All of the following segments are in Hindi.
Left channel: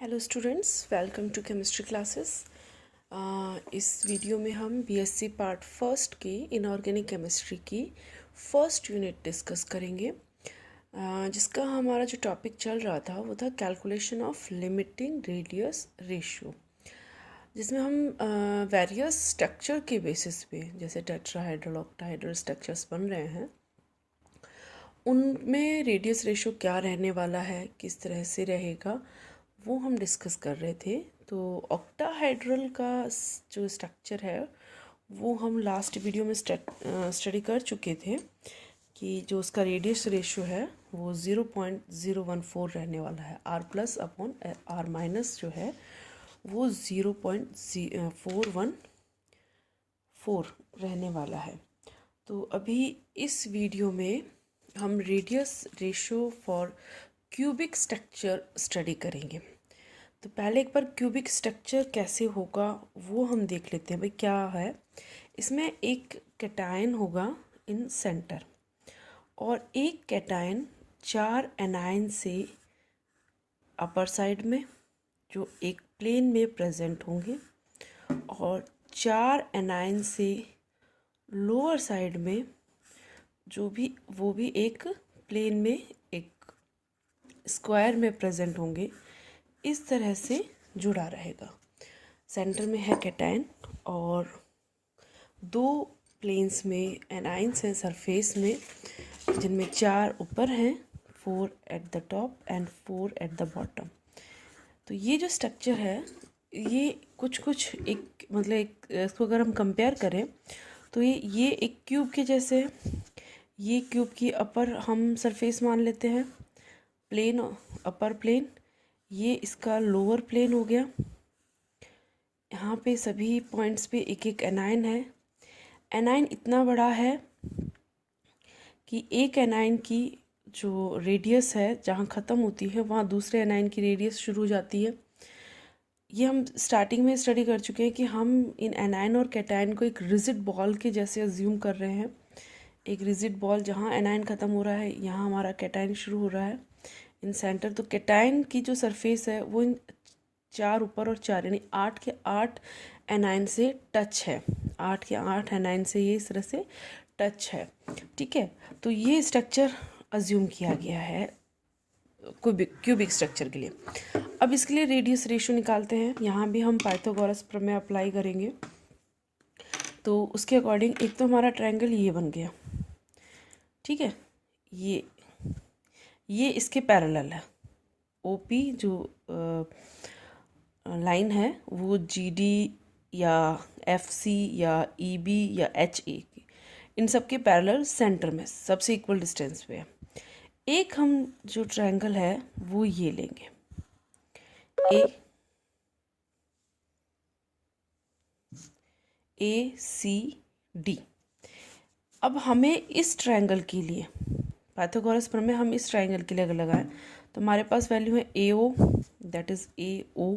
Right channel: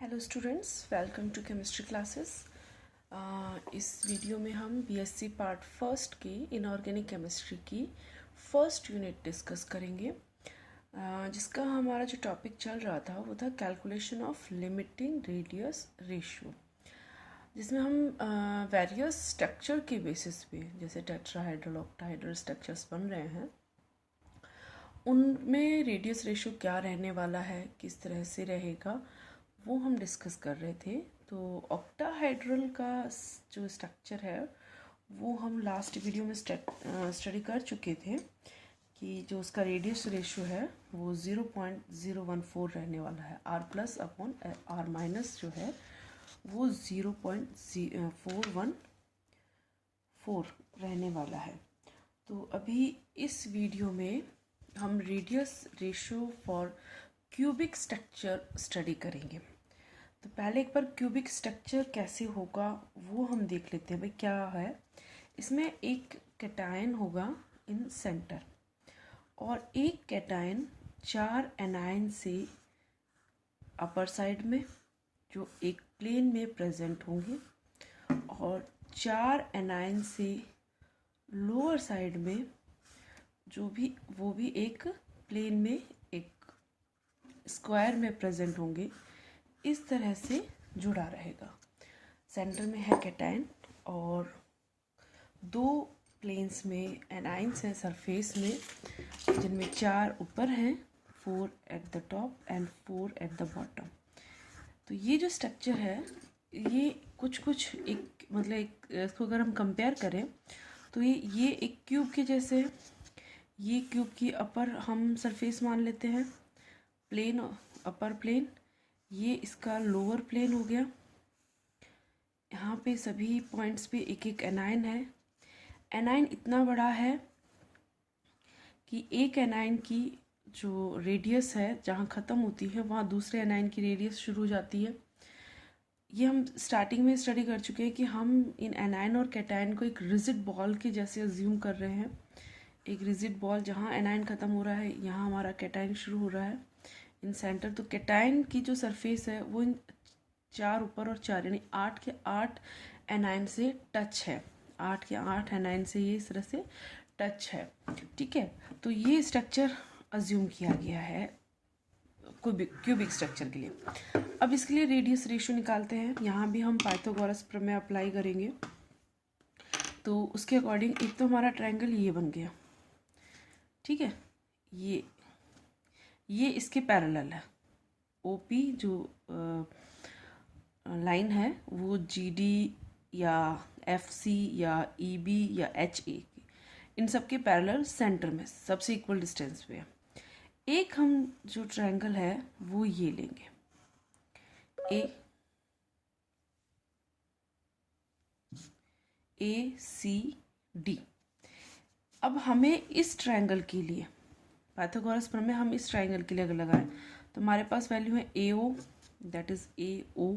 Hello students, welcome to chemistry classes. इस वीडियो में हम बीएससी पार्ट फर्स्ट की इनऑर्गेनिक केमिस्ट्री की फर्स्ट यूनिट डिस्कस करेंगे, जिसका हमारा जो टॉपिक चल रहा था वो था calculation of limiting radius ratio, जिसमें हम वेरियस स्ट्रक्चर के बेसिस पे जैसे टेट्राहाइड्रल ऑक्टाहाइड्रल स्ट्रक्चर्स बन रहे हैं उनमें रेडियस रेशियो क्या रहने वाला है, किस तरह से रहेगा, वो हम डिस्कस कर रहे थे। तो ऑक्टाहाइड्रल का जो स्ट्रक्चर है वो हम लास्ट वीडियो में स्टडी कर चुके थे कि जो उसका रेडियस रेशियो है वो 0.014 रहने वाला है। R plus upon r minus जो है वो 0.414 रहने वाला है। तो अभी इस वीडियो में हम radius ratio for cubic structure study करेंगे। तो पहले एक बार क्यूबिक स्ट्रक्चर कैसे होगा वो हम देख लेते हैं। भाई क्या है, इसमें एक कैटायन होगा इन सेंटर और एक कैटायन 4 एनायन से अपर साइड में जो एक प्लेन में प्रेजेंट होंगे और 4 एनायन से लोअर साइड में जो भी वो भी एक प्लेन में एक स्क्वायर में प्रेजेंट होंगे। इस तरह से जुड़ा रहेगा। सेंटर में है कैटायन और दो प्लेन्स में एनाइंस हैं सरफेस में, जिनमें 4 ऊपर हैं, 4 at the top and 4 at the bottom. तो ये जो स्ट्रक्चर है ये कुछ एक मतलब एक इसको अगर हम कंपेयर करें तो ये एक क्यूब के जैसे, ये क्यूब की अपर हम सरफेस मान लेते हैं, प्लेन अपर प्लेन, ये इसका लोअर प्लेन हो गया। यहाँ पे सभी पॉइंट्स पे एक एक एनायन है। एनायन इतना बड़ा है कि एक एनायन की जो रेडियस है जहाँ ख़त्म होती है वहाँ दूसरे एनायन की रेडियस शुरू हो जाती है। ये हम स्टार्टिंग में स्टडी कर चुके हैं कि हम इन एनायन और कैटायन को एक रिजिड बॉल के जैसे अज्यूम कर रहे हैं। एक रिजिड बॉल जहाँ एनायन ख़त्म हो रहा है यहाँ हमारा कैटायन शुरू हो रहा है इन सेंटर। तो कैटायन की जो सरफेस है वो इन 4 ऊपर और 4 यानी 8 के 8 एनायन से टच है। 8 के 8 एनायन से ये इस तरह से टच है। ठीक है, तो ये स्ट्रक्चर अज्यूम किया गया है क्यूबिक स्ट्रक्चर के लिए। अब इसके लिए रेडियस रेशियो निकालते हैं। यहाँ भी हम पाइथागोरस प्रमेय अप्लाई करेंगे। तो उसके अकॉर्डिंग एक तो हमारा ट्रायंगल ये बन गया, ठीक है, ये इसके पैरेलल है। ओपी जो लाइन है वो जीडी या एफसी या ईबी या एचए इन सब के पैरेलल सेंटर में सबसे इक्वल डिस्टेंस पे है। एक हम जो ट्रायंगल है वो ये लेंगे, ए सी डी। अब हमें इस ट्रायंगल के लिए पाइथागोरस प्रमेय हम इस ट्रायंगल के लिए अगर लगाएं तो हमारे पास वैल्यू है ए ओ, दैट इज ए ओ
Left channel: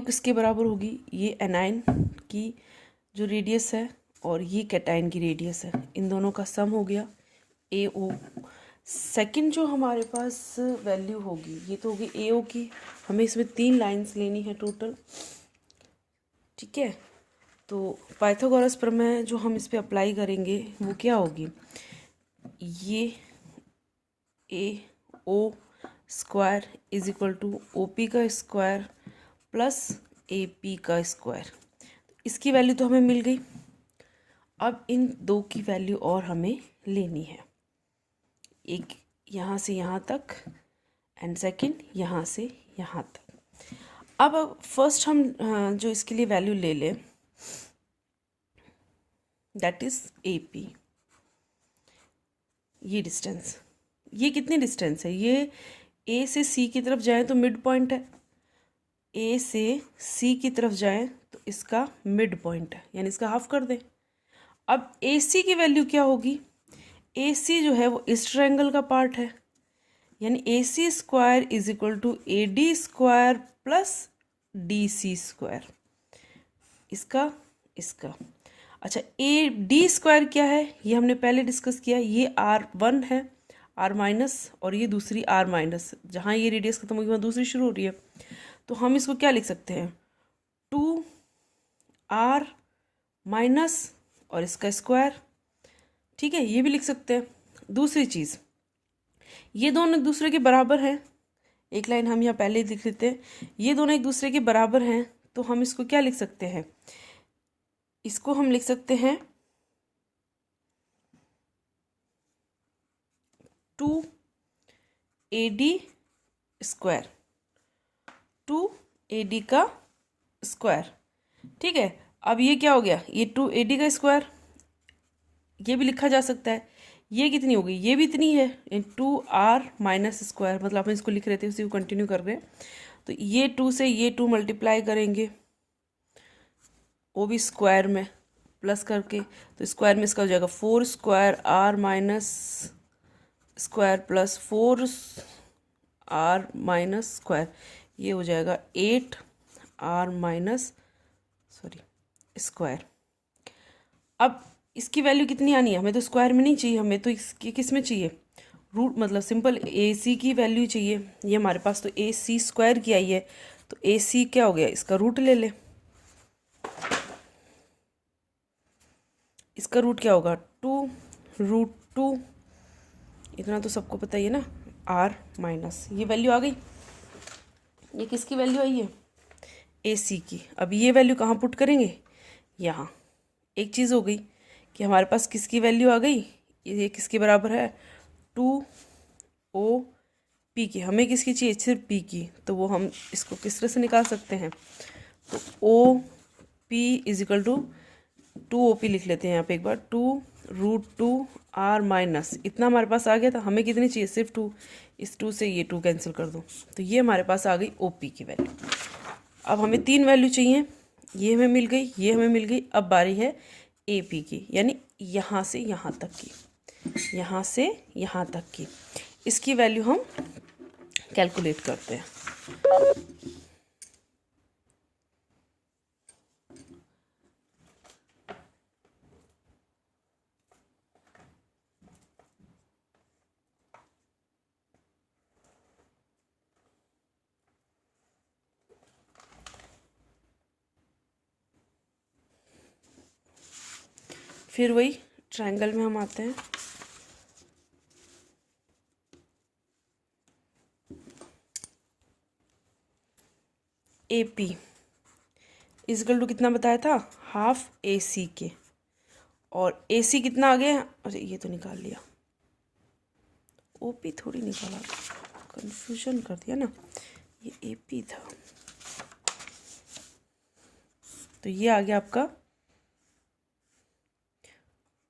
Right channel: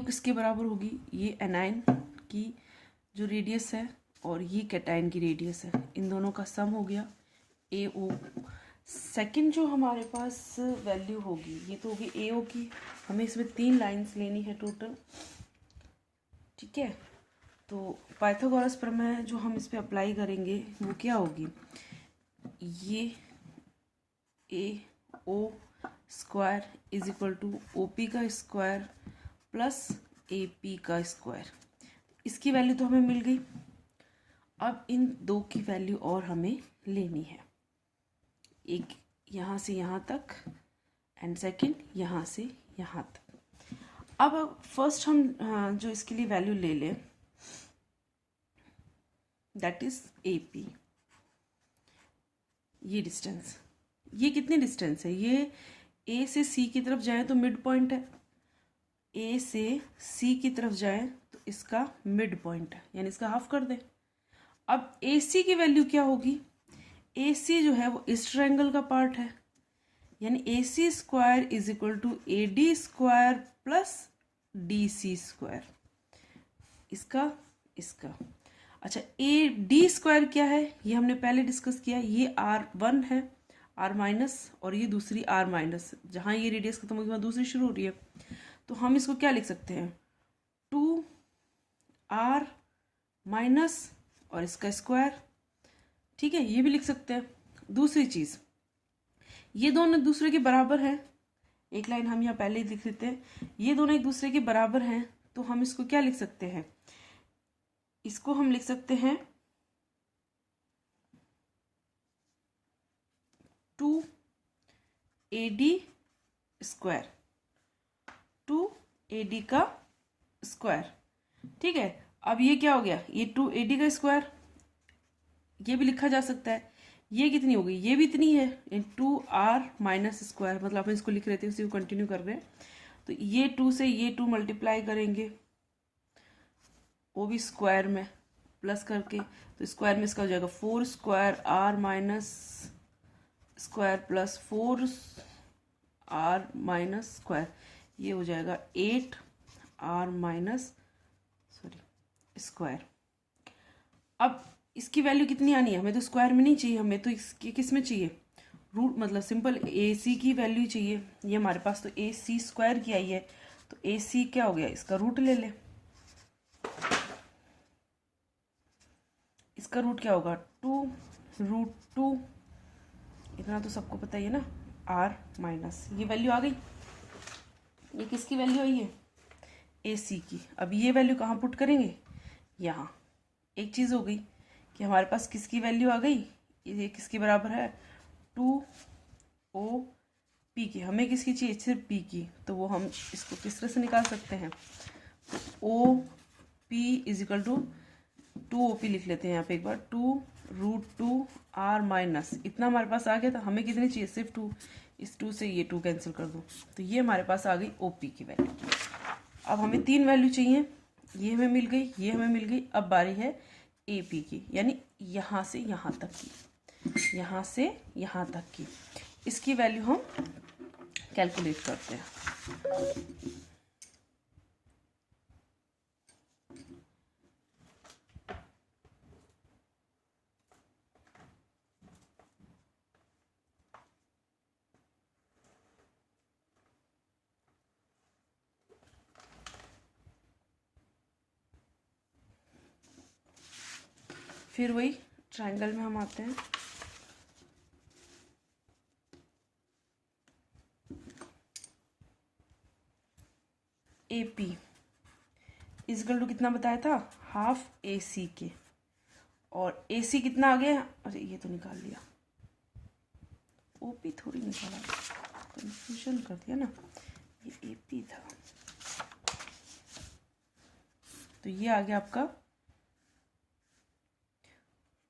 किसके बराबर होगी, ये एनायन की जो रेडियस है और ये कैटायन की रेडियस है, इन दोनों का सम हो गया ए ओ। सेकेंड जो हमारे पास वैल्यू होगी ये तो होगी ए ओ की। हमें इसमें 3 लाइंस लेनी है टोटल, ठीक है। तो पाइथागोरस प्रमेय जो हम इस पर अप्लाई करेंगे वो क्या होगी, ये a o square is equal to o p का स्क्वायर प्लस ए पी का स्क्वायर। इसकी वैल्यू तो हमें मिल गई। अब इन दो की वैल्यू और हमें लेनी है, एक यहाँ से यहाँ तक एंड सेकंड यहाँ से यहाँ तक। अब फर्स्ट हम जो इसके लिए वैल्यू ले लें दैट इज ए पी। ये डिस्टेंस, ये कितनी डिस्टेंस है, ये ए से सी की तरफ जाए तो मिड पॉइंट है, ए से सी की तरफ जाए तो इसका मिड पॉइंट है, यानी इसका हाफ कर दें। अब ए सी की वैल्यू क्या होगी, ए सी जो है वो इस ट्रायंगल का पार्ट है, यानी a c square is equal to a d square plus d c square, इसका इसका। अच्छा, ए डी स्क्वायर क्या है ये हमने पहले डिस्कस किया, ये R1 है, आर माइनस, और ये दूसरी आर माइनस, जहाँ ये रेडियस खत्म होगी वहाँ दूसरी शुरू हो रही है। तो हम इसको क्या लिख सकते हैं, 2r माइनस और इसका स्क्वायर। ठीक है, ये भी लिख सकते हैं। दूसरी चीज़, ये दोनों एक दूसरे के बराबर हैं, एक लाइन हम यहाँ पहले ही लिख लेते हैं, ये दोनों एक दूसरे के बराबर हैं, तो हम इसको क्या लिख सकते हैं, इसको हम लिख सकते हैं 2AD स्क्वायर, 2AD का स्क्वायर। ठीक है, अब ये क्या हो गया, ये 2AD का स्क्वायर, ये भी लिखा जा सकता है। ये कितनी हो गई, ये भी इतनी है, 2r माइनस स्क्वायर, मतलब हम इसको लिख रहे थे उसी को कंटिन्यू कर रहे हैं। तो ये 2 से ये 2 मल्टीप्लाई करेंगे, वो भी स्क्वायर में प्लस करके, तो स्क्वायर में इसका हो जाएगा 4 square r minus square plus 4r minus square, ये हो जाएगा 8r माइनस स्क्वायर। अब इसकी वैल्यू कितनी आनी है, हमें तो स्क्वायर में नहीं चाहिए, हमें तो इसकी किस में चाहिए, रूट, मतलब सिंपल AC की वैल्यू चाहिए। ये हमारे पास तो AC स्क्वायर की आई है, तो AC क्या हो गया, इसका रूट ले ले। इसका रूट क्या होगा, 2√2, इतना तो सबको पता ही है ना, r माइनस, ये वैल्यू आ गई। ये किसकी वैल्यू आई है, AC की। अब ये वैल्यू कहाँ पुट करेंगे, यहाँ। एक चीज़ हो गई कि हमारे पास किसकी वैल्यू आ गई, ये किसके बराबर है, 2OP की। हमें किसकी चाहिए, सिर्फ P की, तो वो हम इसको किस तरह से निकाल सकते हैं, तो OP इजिकल टू 2OP लिख लेते हैं यहाँ पे एक बार, 2√2r माइनस, इतना हमारे पास आ गया था। हमें कितनी चाहिए, सिर्फ 2, इस 2 से ये 2 कैंसिल कर दो, तो ये हमारे पास आ गई OP की वैल्यू। अब हमें 3 वैल्यू चाहिए, ये हमें मिल गई, ये हमें मिल गई। अब बारी है AP की, यानी यहाँ से यहाँ तक की, यहाँ से यहाँ तक की, इसकी वैल्यू हम कैलकुलेट करते हैं। फिर वही ट्रायंगल में हम आते हैं, AP इजकल टू कितना बताया था, हाफ AC के, और AC कितना आ गया, अरे ये तो निकाल लिया, OP थोड़ी निकाला, कंफ्यूजन कर दिया ना, ये AP था। तो ये आ गया आपका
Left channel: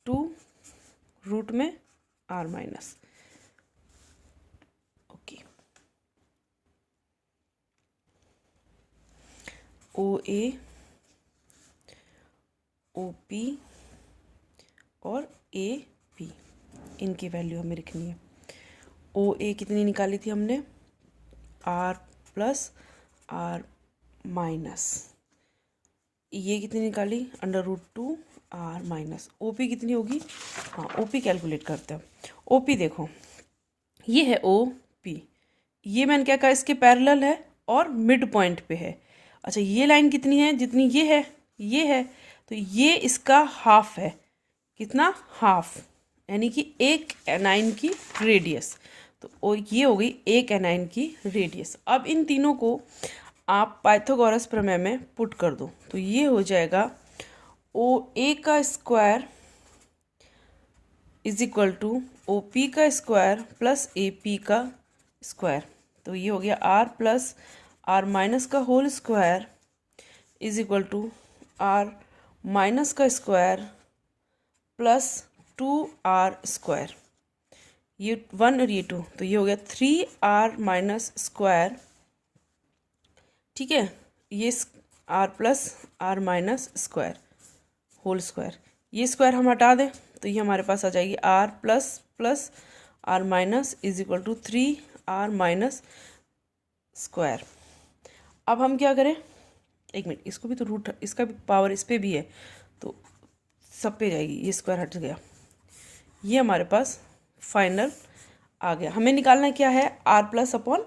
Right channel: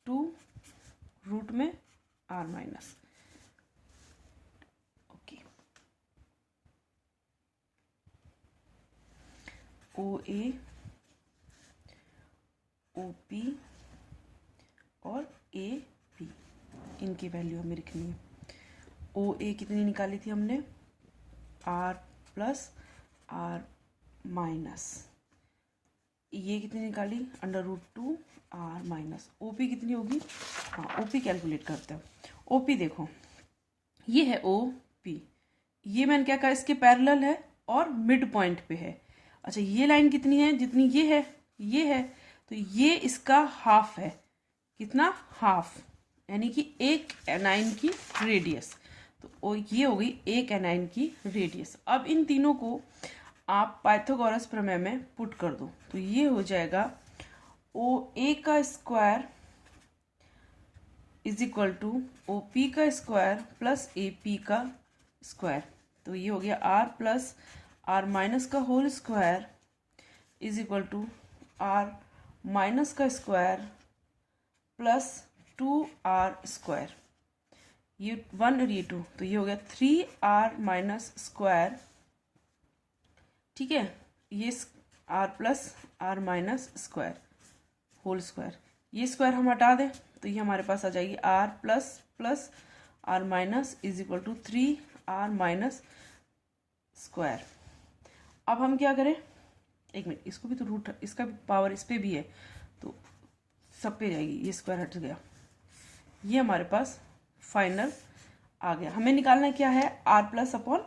2 रूट में r minus, okay. OA, OP और AP, इनकी वैल्यू हमें लिखनी है। OA कितनी निकाली थी हमने, r प्लस r माइनस, ये कितनी निकाली, √2 r माइनस। OP कितनी होगी, हाँ OP कैलकुलेट करते हैं। OP देखो, ये है OP, ये मैंने क्या कहा, इसके पैरेलल है और मिड पॉइंट पे है। अच्छा, ये लाइन कितनी है, जितनी ये है, तो ये इसका हाफ है, कितना, हाफ, यानी कि एक एनाइन की रेडियस। तो ये हो गई एक एनाइन की रेडियस। अब इन तीनों को आप पाइथागोरस प्रमेय में पुट कर दो, तो ये हो जाएगा OA का square is equal to OP का स्क्वायर प्लस AP का स्क्वायर। तो ये हो गया r प्लस r माइनस का whole square is equal to r minus का स्क्वायर प्लस 2r स्क्वायर, ये 1 और ये 2, तो ये हो गया 3r माइनस स्क्वायर। ठीक है, ये r plus r minus square whole square, ये स्क्वायर हम हटा दें तो ये हमारे पास आ जाएगी r plus plus r minus is equal to 3r minus square. अब हम क्या करें, एक मिनट, इसको भी तो रूट, इसका भी पावर इस पर भी है, तो सब पे जाएगी, ये स्क्वायर हट गया। ये हमारे पास फाइनल आ गया। हमें निकालना क्या है, r plus upon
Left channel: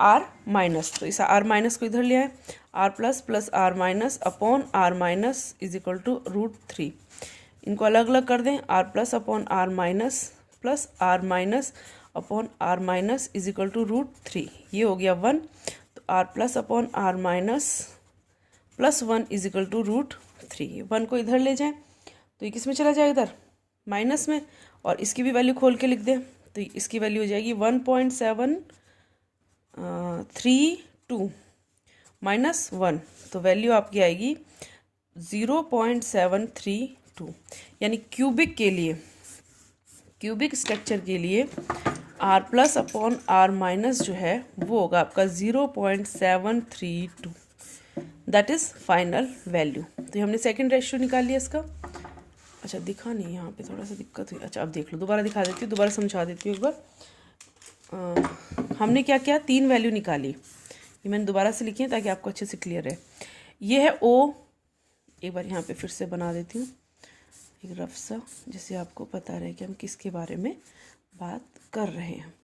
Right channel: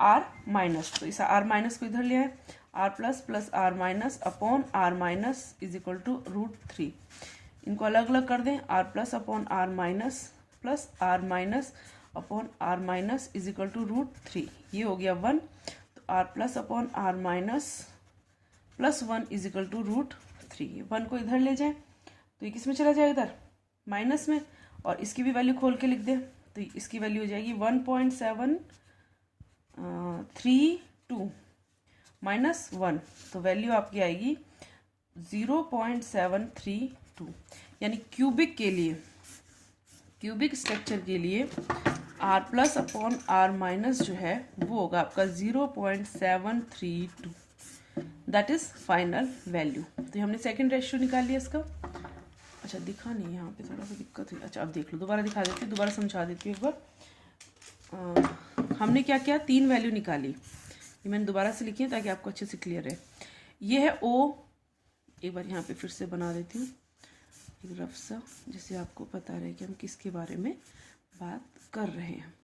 r minus, तो इस आर माइनस को इधर ले आए, r plus r minus upon r minus is equal to √3। इनको अलग अलग कर दें, r plus upon r minus plus r minus upon r minus is equal to √3, ये हो गया 1। तो r plus upon r minus plus 1 is equal to √3। 1 को इधर ले जाएं तो ये किस में चला जाएगा, इधर माइनस में, और इसकी भी वैल्यू खोल के लिख दें तो इसकी वैल्यू हो जाएगी 1.732 माइनस 1, तो वैल्यू आपकी आएगी 0.732। यानी क्यूबिक के लिए, क्यूबिक स्ट्रक्चर के लिए r plus upon r minus जो है वो होगा आपका 0.732, दैट इज़ फाइनल वैल्यू। तो हमने सेकंड रेशियो निकाल लिया इसका। अच्छा दिखा नहीं, यहाँ पे थोड़ा सा दिक्कत हुई। अच्छा अब देख लो, दोबारा दिखा देती हूँ, दोबारा समझा देती हूँ एक बार। हमने क्या किया, 3 वैल्यू निकाली, ये मैंने दोबारा से लिखी है ताकि आपको अच्छे से क्लियर है। ये है ओ, एक बार यहाँ पे फिर से बना देती हूँ एक रफ सा, जिससे आपको पता रहे कि हम किसके बारे में बात कर रहे हैं।